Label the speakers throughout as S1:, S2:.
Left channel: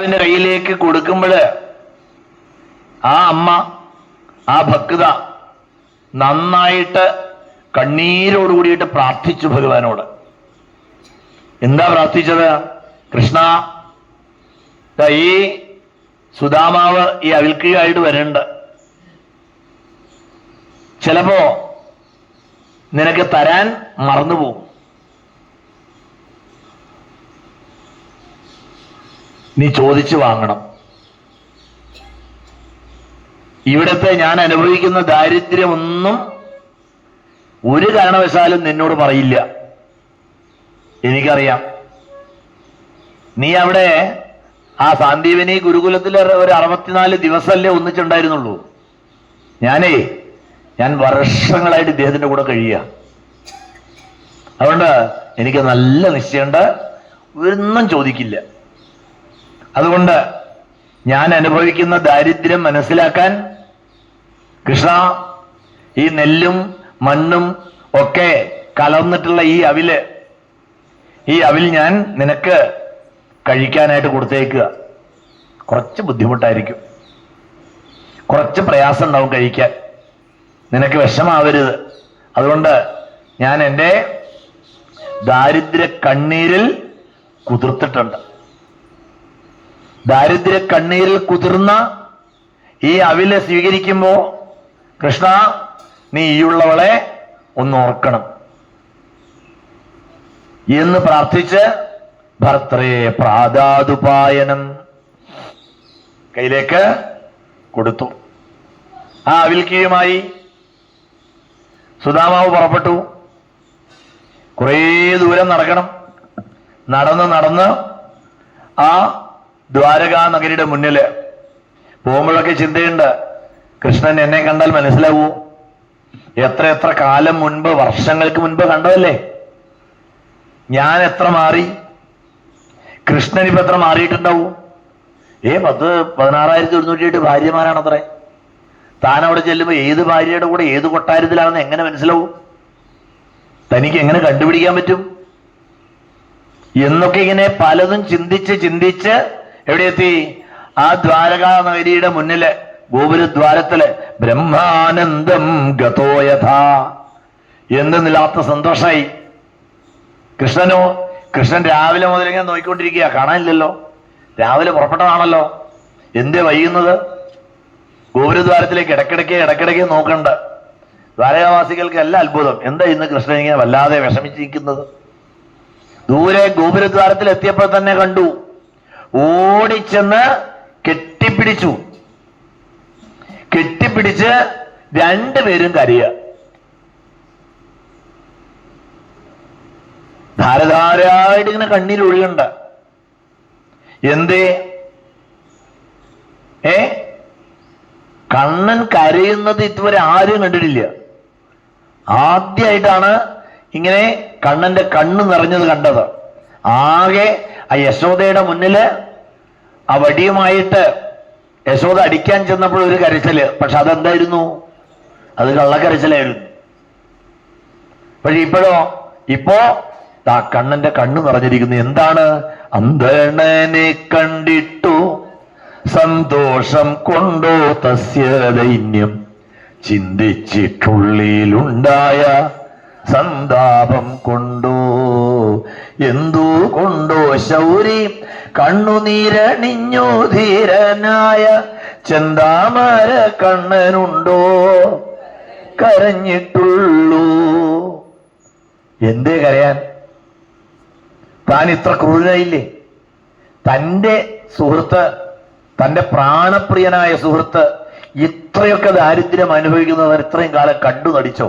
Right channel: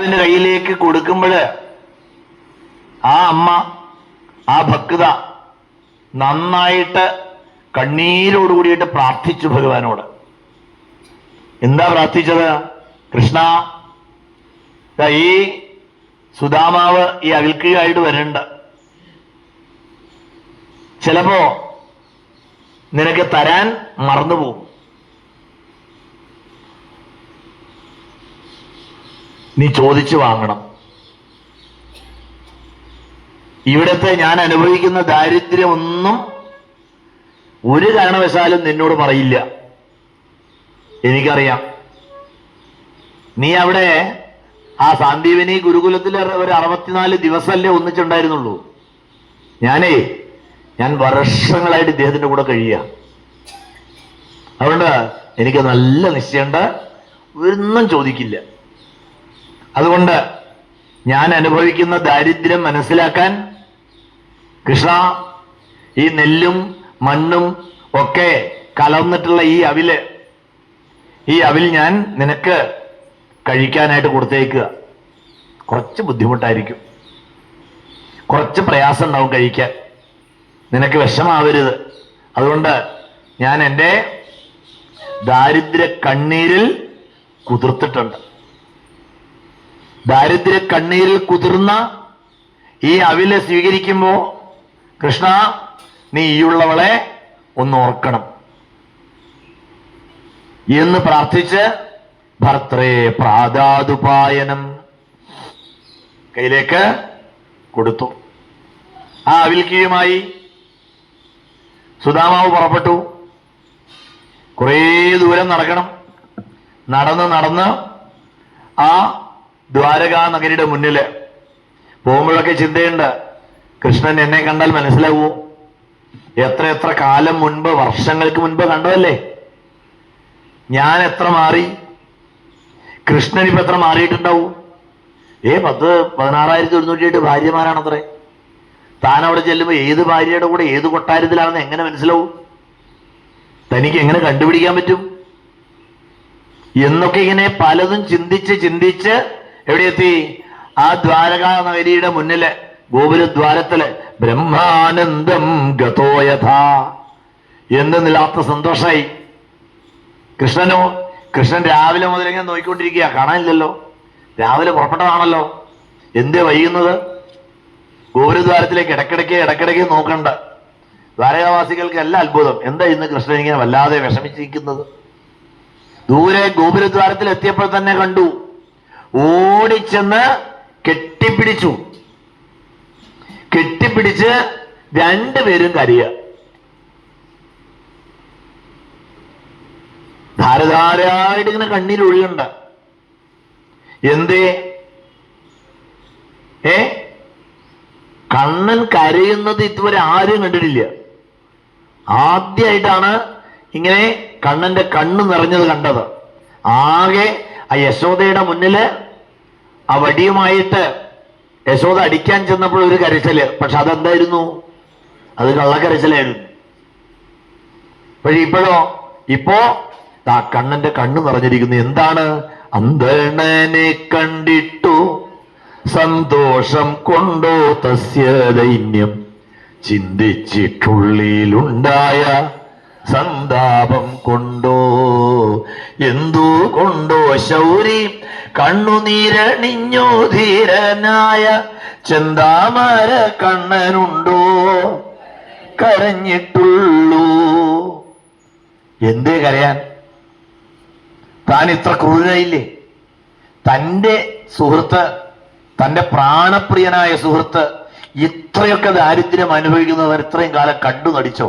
S1: അതിന്റെ കയ്യിലേക്ക് കൊടുക്കുമ്പോൾ ആ അമ്മ ആ ഭക്ത നന്നായിട്ട് കണ്ണീരോട് കൂടിയിട്ട് പ്രാർത്ഥിച്ചു ഭഗവാനോട്. എന്താ പ്രാർത്ഥിച്ചത്? കൃഷ്ണ ഈ സുധാമാവ് ഈ അവിൽക്കിയായിട്ട് വരണ്ട്. ചിലപ്പോ നിനക്ക് തരാൻ മറന്നുപോകും. നീ ചോദിച്ചു വാങ്ങണം. ഇവിടത്തെ ഞാൻ അനുഭവിക്കുന്ന ദാരിദ്ര്യമൊന്നും ഒരു കാരണവശാലും നിന്നോട് പറയില്ല. എനിക്കറിയാം. നീ അവിടെ ആ സാന്ദീപിനി ഗുരുകുലത്തിലെ ഒരു അറുപത്തിനാല് ദിവസമല്ലേ ഒന്നിച്ചുണ്ടായിരുന്നുള്ളൂ. ഞാനേ ഞാൻ വർഷങ്ങളായിട്ട് ഇദ്ദേഹത്തിന്റെ കൂടെ കഴിയുക. അതുകൊണ്ട് എനിക്ക് നല്ല നിശ്ചയമുണ്ട്. ഒന്നും ചോദിക്കില്ല. അതുകൊണ്ട് ഞാൻ അനുഭവിക്കുന്ന ദാരിദ്ര്യം മനസ്സിലാക്കാൻ കൃഷ്ണ ഈ നെല്ലും മണ്ണും ഒക്കെ കലർന്നിട്ടുള്ള ഈ അവിൽ ഈ അവിൽ ഞാൻ നിനക്ക് കഴിക്കാനായിട്ട് കൊടുത്തേക്കുക. കുറച്ച് ബുദ്ധിമുട്ടായിരിക്കും. കുറച്ച് പ്രയാസം ഉണ്ടാവും കഴിക്കാൻ. നിനക്ക് വിഷമാവരുത്. അതുകൊണ്ട് ഞാൻ എന്റെ ദാരിദ്ര്യ കണ്ണീരിൽ കുതിർത്തിട്ടുണ്ട്. ദാരിദ്ര്യ കണ്ണീരിൽ കുതിർന്ന ഈ അവിലെ സ്വീകരിക്കുമ്പോ കൃഷ്ണ നീ ഈയുള്ളവളെ ഒന്ന് ഓർക്കണം. എന്ന് പ്രാർത്ഥിച്ച് ഭർത്തേ പ്രാതാതുപായനം കയ്യിലേക്ക് കൊടുത്തു. ആ അവിൽക്കിയുമായി സുധാമാവ് പുറപ്പെട്ടു. കുറേ ദൂരം നടക്കണം. നടന്ന് നടന്ന് ആ ദ്വാരകാ നഗരിയുടെ മുന്നിൽ പോകുമ്പോഴൊക്കെ ചിന്തയുണ്ട് കൃഷ്ണൻ എന്നെ കണ്ടാൽ മനസ്സിലാവൂ എത്ര എത്ര കാലം മുൻപ് വർഷങ്ങൾക്ക് മുൻപ് കണ്ടതല്ലേ? ഞാൻ എത്ര മാറി കൃഷ്ണൻ ഇപ്പൊ എത്ര മാറിയിട്ടുണ്ടാവും? ഏ പത്ത് പതിനാറായിരത്തി ഒരുന്നൂറ്റി എട്ട് ഭാര്യമാരാണത്രേ. താൻ അവിടെ ചെല്ലുമ്പോൾ ഏത് ഭാര്യയുടെ കൂടെ ഏത് കൊട്ടാരത്തിലാണെന്ന് എങ്ങനെ മനസ്സിലാവും? തനിക്ക് എങ്ങനെ കണ്ടുപിടിക്കാൻ പറ്റും? എന്നൊക്കെ ഇങ്ങനെ പലതും ചിന്തിച്ച് ചിന്തിച്ച് എവിടെ എത്തി ആ ദ്വാരകാ നഗരിയുടെ മുന്നിൽ ഗോപുരദ്വാരത്തിൽ ബ്രഹ്മാനന്ദം ഗതോയഥ. എന്തെന്നില്ലാത്ത സന്തോഷമായി കൃഷ്ണനോ കൃഷ്ണൻ രാവിലെ മുതൽ ഇങ്ങനെ നോക്കിക്കൊണ്ടിരിക്കുക. കാണാനില്ലല്ലോ. രാവിലെ പുറപ്പെട്ടതാണല്ലോ. എന്തേ വൈകുന്നത്? ഗോപുരദ്വാരത്തിലേക്ക് ഇടക്കിടയ്ക്ക് ഇടക്കിടയ്ക്ക് നോക്കണ്ട. ദ്വാരകാവാസികൾക്ക് അല്ല അത്ഭുതം. എന്താ ഇന്ന് കൃഷ്ണൻ ഇങ്ങനെ വല്ലാതെ വിഷമിച്ചിരിക്കുന്നത്? ദൂരെ ഗോപുരദ്വാരത്തിൽ എത്തിയപ്പോൾ തന്നെ കണ്ടു. ഓടിച്ചെന്ന് കെട്ടിപ്പിടിച്ചു. കെട്ടിപ്പിടിച്ച് രണ്ടുപേരും കരയുക. ധാരധാരായിട്ട് ഇങ്ങനെ കണ്ണീർ ഒഴുകണ്ട. എന്തേ? ഏ? കണ്ണൻ കരയുന്നത് ഇതുവരെ ആരും കണ്ടിട്ടില്ല. ആദ്യമായിട്ടാണ് ഇങ്ങനെ കണ്ണന്റെ കണ്ണ് നിറഞ്ഞത് കണ്ടത്. ആകെ ആ യശോദയുടെ മുന്നിൽ ആ വടിയുമായിട്ട് യശോദ അടിക്കാൻ ചെന്നപ്പോൾ ഒരു കരച്ചിൽ. പക്ഷെ അതെന്തായിരുന്നു? അത് കള്ളക്കരച്ചിലായിരുന്നു. പക്ഷെ ഇപ്പോഴോ? ഇപ്പോ ആ കണ്ണന്റെ കണ്ണു നിറഞ്ഞിരിക്കുന്നു. എന്താണ്? അന്തണനെ കണ്ടിട്ടു സന്തോഷം കൊണ്ടോ തസ്യ ദൈന്യം ചിന്തിച്ചിട്ടുള്ളിലുണ്ടായ സന്താപം കൊണ്ടോ എന്തു കൊണ്ടോ ശൗരി കണ്ണുനീരണിഞ്ഞു ധീരനായ ചെന്താമര കണ്ണനുണ്ടോ? കരഞ്ഞിട്ടുള്ളൂ. എന്തേ കരയാൻ? താൻ ഇത്ര ക്രൂരയില്ലേ തന്റെ സുഹൃത്ത് തന്റെ പ്രാണപ്രിയനായ സുഹൃത്ത് ഇത്രയൊക്കെ ദാരിദ്ര്യം അനുഭവിക്കുന്നവർ ഇത്രയും കാലം കണ്ടു നടിച്ചോ?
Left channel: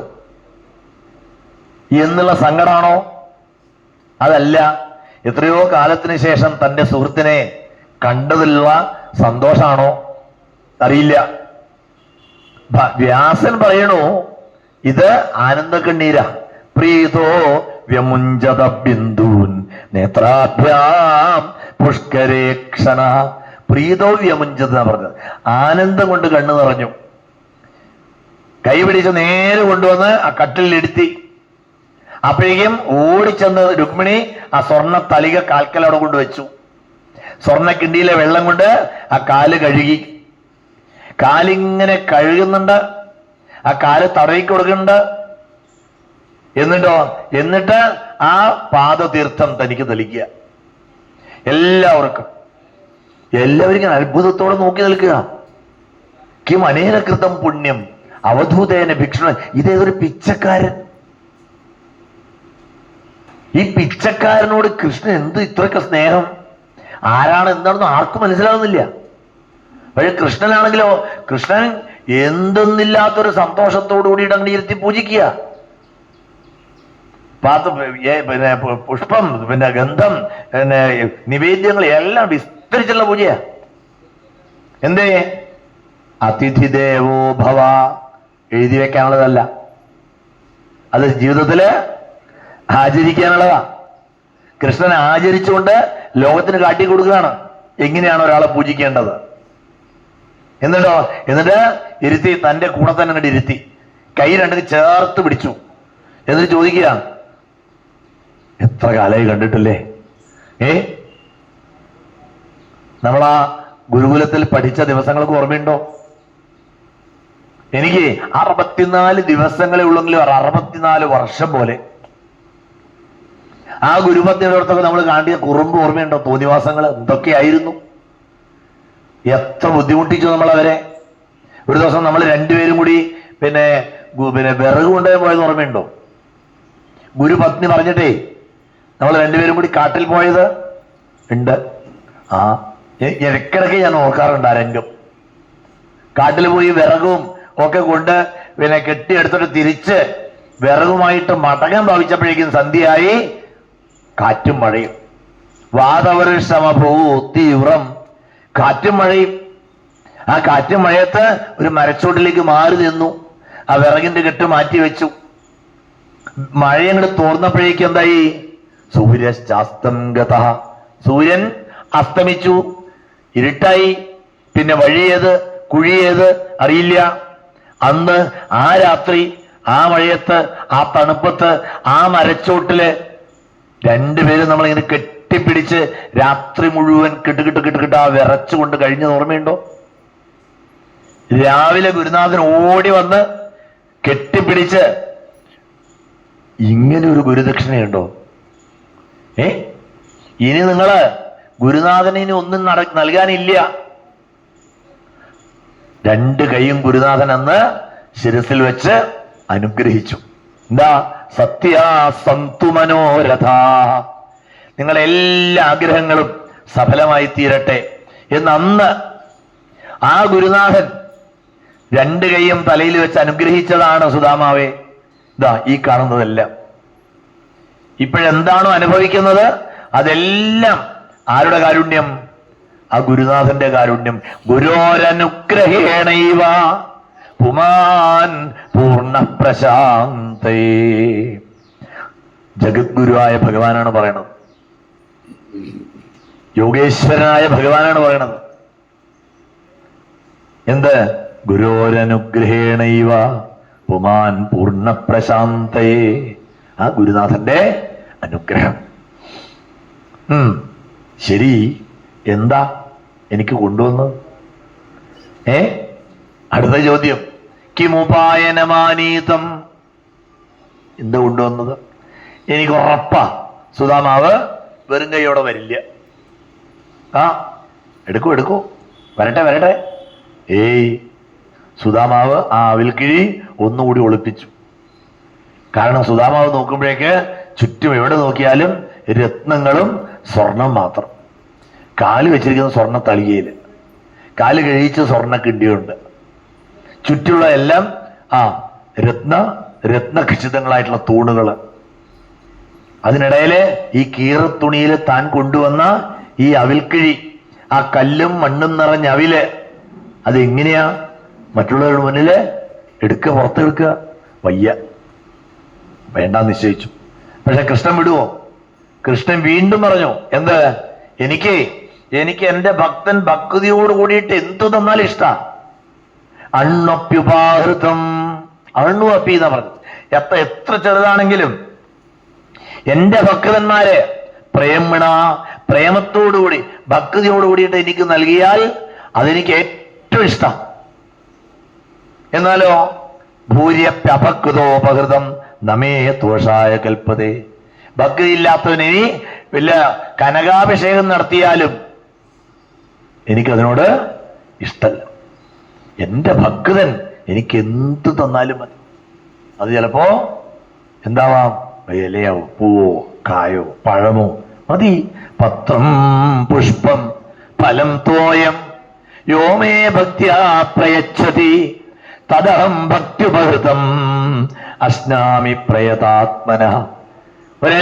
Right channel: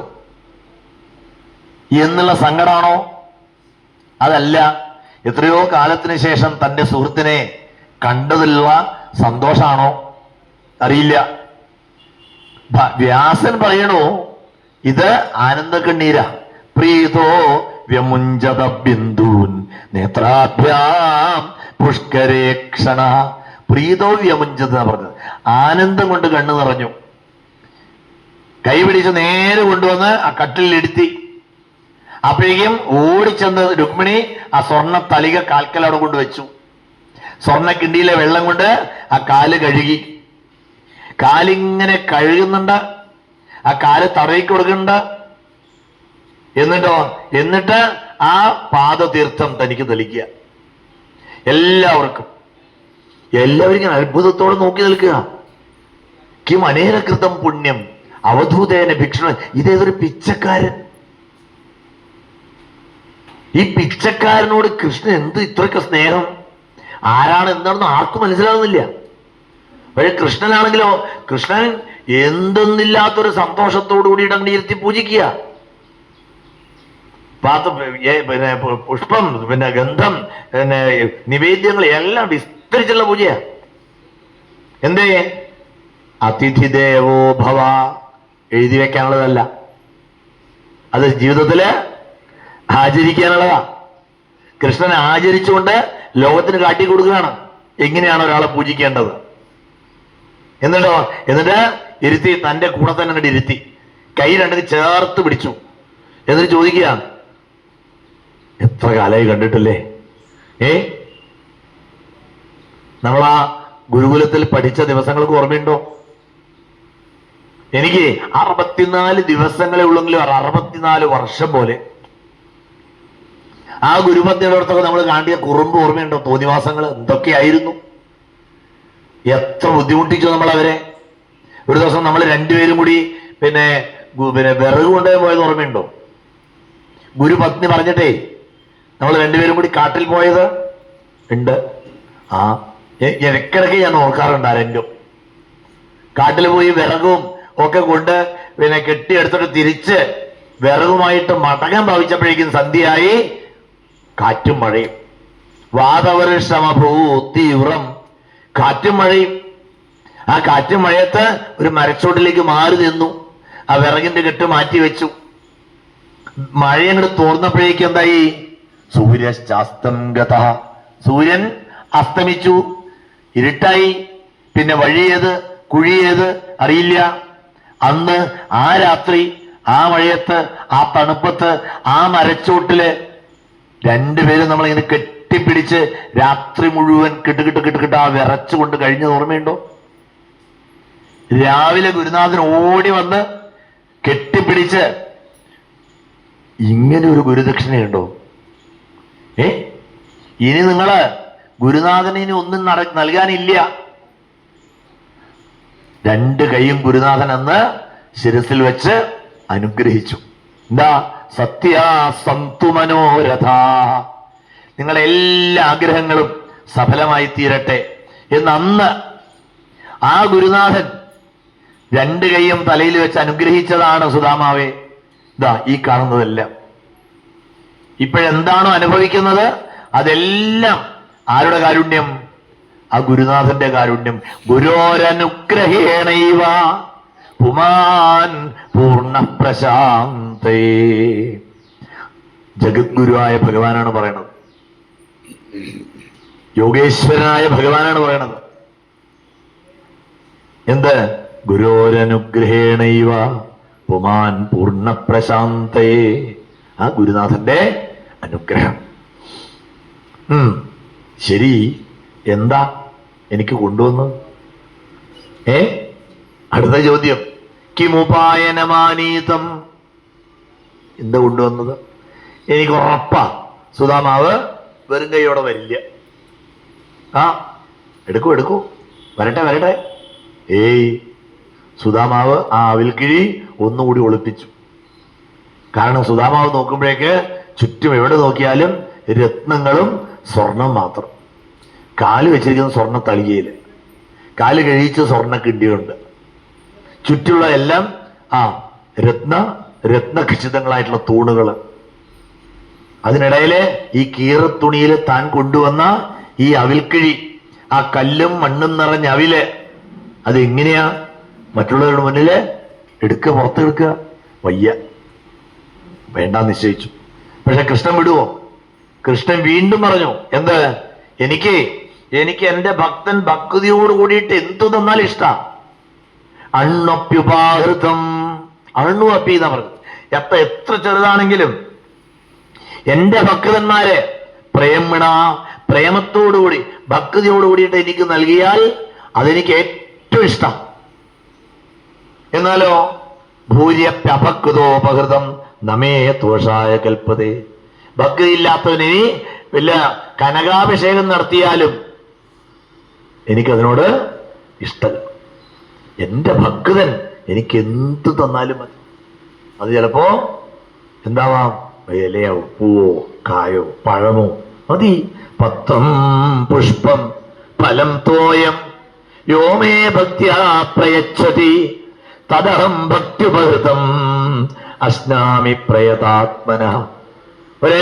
S1: എന്നുള്ള സങ്കടാണോ? അതല്ല എത്രയോ കാലത്തിന് ശേഷം തന്റെ സുഹൃത്തിനെ കണ്ടതിലുള്ള സന്തോഷാണോ? അറിയില്ല. വ്യാസൻ പറയണു ഇത് ആനന്ദ കണ്ണീര പ്രീതോ വ്യമുഞ്ചത ബിന്ദൂൻ നേത്രാഭ്യാം പുഷ്കരേക്ഷണ. പ്രീതോ വ്യമുഞ്ചത പറഞ്ഞത്. ആനന്ദം കൊണ്ട് കണ്ണു നിറഞ്ഞു. കൈ പിടിച്ച് നേരെ കൊണ്ടുവന്ന് ആ കട്ടിലിരുത്തി അപ്പോഴേക്കും ഓടിച്ചെന്ന് രുക്മിണി ആ സ്വർണ തലിക കാൽക്കൽ അവിടെ സ്വർണ കിണ്ടിയിലെ വെള്ളം കൊണ്ട് ആ കാൽ കഴുകി. കാലിങ്ങനെ കഴുകുന്നുണ്ട്. ആ കാൽ തടവി കൊടുക്കുന്നുണ്ട്. എന്നിട്ടോ? എന്നിട്ട് ആ പാദതീർത്ഥം തനിക്ക് തെളിക്കുക എല്ലാവർക്കും. എല്ലാവരും ഇങ്ങനെ അത്ഭുതത്തോടെ നോക്കി നിൽക്കുക. കിം അനേനകൃതം പുണ്യം. അവധൂതേന ഭിക്ഷണ ഇതേതൊരു പിച്ചക്കാരൻ. ഈ പിച്ചക്കാരനോട് കൃഷ്ണൻ എന്ത് ഇത്രയൊക്കെ സ്നേഹം? ആരാണ് എന്താണെന്ന് ആർക്കും മനസ്സിലാവുന്നില്ല. പക്ഷെ കൃഷ്ണനാണെങ്കിലോ കൃഷ്ണൻ എന്തെന്നില്ലാത്തൊരു സന്തോഷത്തോടു കൂടി ഇടങ്ങി ഇരുത്തി പൂജിക്കുക. പാത്ത് പിന്നെ പുഷ്പം പിന്നെ ഗന്ധം പിന്നെ നിവേദ്യങ്ങൾ എല്ലാം വിസ്തരിച്ചുള്ള പൂജയാ. എന്തേ? അതിഥി ദേവോ ഭവ എഴുതി വെക്കാനുള്ളതല്ല. അത് ജീവിതത്തിൽ ആചരിക്കാനുള്ളതാ. കൃഷ്ണനെ ആചരിച്ചുകൊണ്ട് ലോകത്തിന് കാട്ടിക്കൊടുക്കുകയാണ് എങ്ങനെയാണ് ഒരാളെ പൂജിക്കേണ്ടത്? എന്നിട്ടോ? എന്നിട്ട് ഇരുത്തി തന്റെ കൂടെ തന്നെ അങ്ങോട്ട് ഇരുത്തി. കൈ രണ്ടിന് ചേർത്ത് പിടിച്ചു. എന്നിട്ട് ചോദിക്കുക എത്ര കാലമായി കണ്ടിട്ടില്ലേ? ഏ? നമ്മൾ ആ ഗുരുകുലത്തിൽ പഠിച്ച ദിവസങ്ങൾക്ക് ഓർമ്മയുണ്ടോ? എനിക്ക് അറുപത്തിനാല് ദിവസങ്ങളെ ഉള്ളെങ്കിലും അറുപത്തിനാല് വർഷം പോലെ. ആ ഗുരുമധ്യടുത്തൊക്കെ നമ്മൾ കാണ്ടിയ കുറുമ്പ് ഓർമ്മയുണ്ടോ? തോന്നിവാസങ്ങൾ എന്തൊക്കെയായിരുന്നു? എത്ര ബുദ്ധിമുട്ടിച്ചു നമ്മൾ അവരെ ഒരു ദിവസം നമ്മൾ രണ്ടുപേരും കൂടി പിന്നെ പിന്നെ വിറക് കൊണ്ടുപോയി പോയത് ഓർമ്മയുണ്ടോ? ഗുരുപത്നി പറഞ്ഞിട്ടേ നമ്മൾ രണ്ടുപേരും കൂടി കാട്ടിൽ പോയത്? ഉണ്ട്. ആ ഇടയ്ക്കിടയ്ക്ക് ഞാൻ ഓർക്കാറുണ്ട് ആ രംഗം കാട്ടിൽ പോയി വിറകും ഒക്കെ കൊണ്ട് പിന്നെ കെട്ടിയെടുത്തിട്ട് തിരിച്ച് വിറകുമായിട്ട് മടങ്ങാൻ ഭാവിച്ചപ്പോഴേക്കും സന്ധ്യയായി. കാറ്റും മഴയും. വാതവരുഷമഭൂ തീവ്രം കാറ്റും മഴയും. ആ കാറ്റും മഴയത്ത് ഒരു മരച്ചോട്ടിലേക്ക് മാറി നിന്നു. ആ വിറകിന്റെ കെട്ട് മാറ്റി വെച്ചു. മഴയങ്ങോട്ട് തോർന്നപ്പോഴേക്കും എന്തായി? സൂര്യശാസ്തം ഗത സൂര്യൻ അസ്തമിച്ചു. ഇരുട്ടായി. പിന്നെ വഴിയേത്? കുഴിയേത്? അറിയില്ല. അന്ന് ആ രാത്രി ആ മഴയത്ത് ആ തണുപ്പത്ത് ആ മരച്ചോട്ടിൽ രണ്ടുപേരും നമ്മളിങ്ങനെ കെട്ടിപ്പിടിച്ച് രാത്രി മുഴുവൻ കിട്ടുകിട്ട് കിട്ടുകിട്ട് ആ വിറച്ചുകൊണ്ട് കഴിഞ്ഞത് ഓർമ്മയുണ്ടോ? രാവിലെ ഗുരുനാഥൻ ഓടി വന്ന് കെട്ടിപ്പിടിച്ച് ഇങ്ങനെ ഒരു ഗുരുദക്ഷിണയുണ്ടോ? ഏ? ഇനി നിങ്ങൾ ഗുരുനാഥന് ഇനി ഒന്നും നട നൽകാനില്ല. രണ്ട് കൈയും ഗുരുനാഥൻ അന്ന് ശിരസിൽ വെച്ച് അനുഗ്രഹിച്ചു. എന്താ? സത്യാസന്തു മനോരഥ. നിങ്ങളെ എല്ലാ ആഗ്രഹങ്ങളും സഫലമായി തീരട്ടെ. എന്ന് അന്ന് ആ ഗുരുനാഥൻ രണ്ട് കൈയും തലയിൽ വെച്ച് അനുഗ്രഹിച്ചതാണ് സുധാമാവേ. ഇതാ ഈ കാണുന്നതെല്ലാം. ഇപ്പോഴെന്താണോ അനുഭവിക്കുന്നത്? അതെല്ലാം ആരുടെ കാരുണ്യം? ആ ഗുരുനാഥന്റെ കാരുണ്യം. ഗുരോരനുഗ്രഹേണൈവ. പുമാൻ പൂർണ പ്രശാന്തേ. ജഗദ്ഗുരുവായ ഭഗവാനാണ് പറയണത്. യോഗേശ്വരനായ ഭഗവാനാണ് പറയണത്. എന്ത്? ഗുരോരനുഗ്രഹേണൈവ പുമാൻ പൂർണ പ്രശാന്തേ ആ ഗുരുനാഥന്റെ അനുഗ്രഹം. ശരി. എന്താ എനിക്ക് കൊണ്ടുവന്നത് ഏ? അടുത്ത ചോദ്യം. കിമുപായനമാനീതം എന്താ കൊണ്ടുവന്നത്? എനിക്ക് ഉറപ്പാ. സുധാമാവ് വെറും കൈയോടെ വരില്ല. ആ എടുക്കൂ എടുക്കൂ. വരട്ടെ വരട്ടെ. ഏയ് സുധാമാവ് ആ അവിൽക്കിഴി ഒന്നുകൂടി ഒളിപ്പിച്ചു. കാരണം സുധാമാവ് നോക്കുമ്പോഴേക്ക് ചുറ്റും എവിടെ നോക്കിയാലും രത്നങ്ങളും സ്വർണം മാത്രം. കാൽ വെച്ചിരിക്കുന്ന സ്വർണ തളികയിൽ കാൽ കഴിച്ച് സ്വർണ കിണ്ടിയുണ്ട്. ചുറ്റുള്ള എല്ലാം ആ രത്ന രത്നഖചിതങ്ങളായിട്ടുള്ള തൂണുകൾ. അതിനിടയിൽ ഈ കീറത്തുണിയിൽ താൻ കൊണ്ടുവന്ന ഈ അവിൽക്കിഴി ആ കല്ലും മണ്ണും നിറഞ്ഞ അവിൽ അത് എങ്ങനെയാ? മറ്റുള്ളവരുടെ മുന്നിൽ എടുക്കുക പുറത്തെടുക്കുക. വയ്യ. വേണ്ട നിശ്ചയിച്ചു. പക്ഷെ കൃഷ്ണൻ വിടുവോ? കൃഷ്ണൻ വീണ്ടും പറഞ്ഞു എന്ത്? എനിക്ക് എനിക്ക് എന്റെ ഭക്തൻ ഭക്തിയോട് കൂടിയിട്ട് എന്തു തന്നാലും ഇഷ്ട. അണ്ണൊപ്യുപാഹൃതം അണ്ണു അപ്പി എന്നാ പറഞ്ഞു എത്ര എത്ര ചെറുതാണെങ്കിലും എന്റെ ഭക്തന്മാരെ പ്രേമണ പ്രേമത്തോടുകൂടി ഭക്തിയോടുകൂടിയിട്ട് എനിക്ക് നൽകിയാൽ അതെനിക്ക് ഏറ്റവും ഇഷ്ടം. എന്നാലോ? ഭൂര്യപ്യപകൃതോപകൃതം നമേ ദോഷായ കൽപ്പതേ. ഭക്തിയില്ലാത്തവന് ഇനി വല്ല കനകാഭിഷേകം നടത്തിയാലും എനിക്കതിനോട് ഇഷ്ടം എന്റെ ഭക്തൻ എനിക്ക് എന്ത് തന്നാലും മതി. അത് ചിലപ്പോ എന്താവാം? ഇലയോ പൂവോ കായോ പഴമോ? മതി. പത്രം പുഷ്പം ഫലം തോയം. യോമേ ഭക്തിയാ പ്രയച്ഛതി. തദഹം ഭക്തിപഹൃതം. അശ്നാമി പ്രയതാത്മന.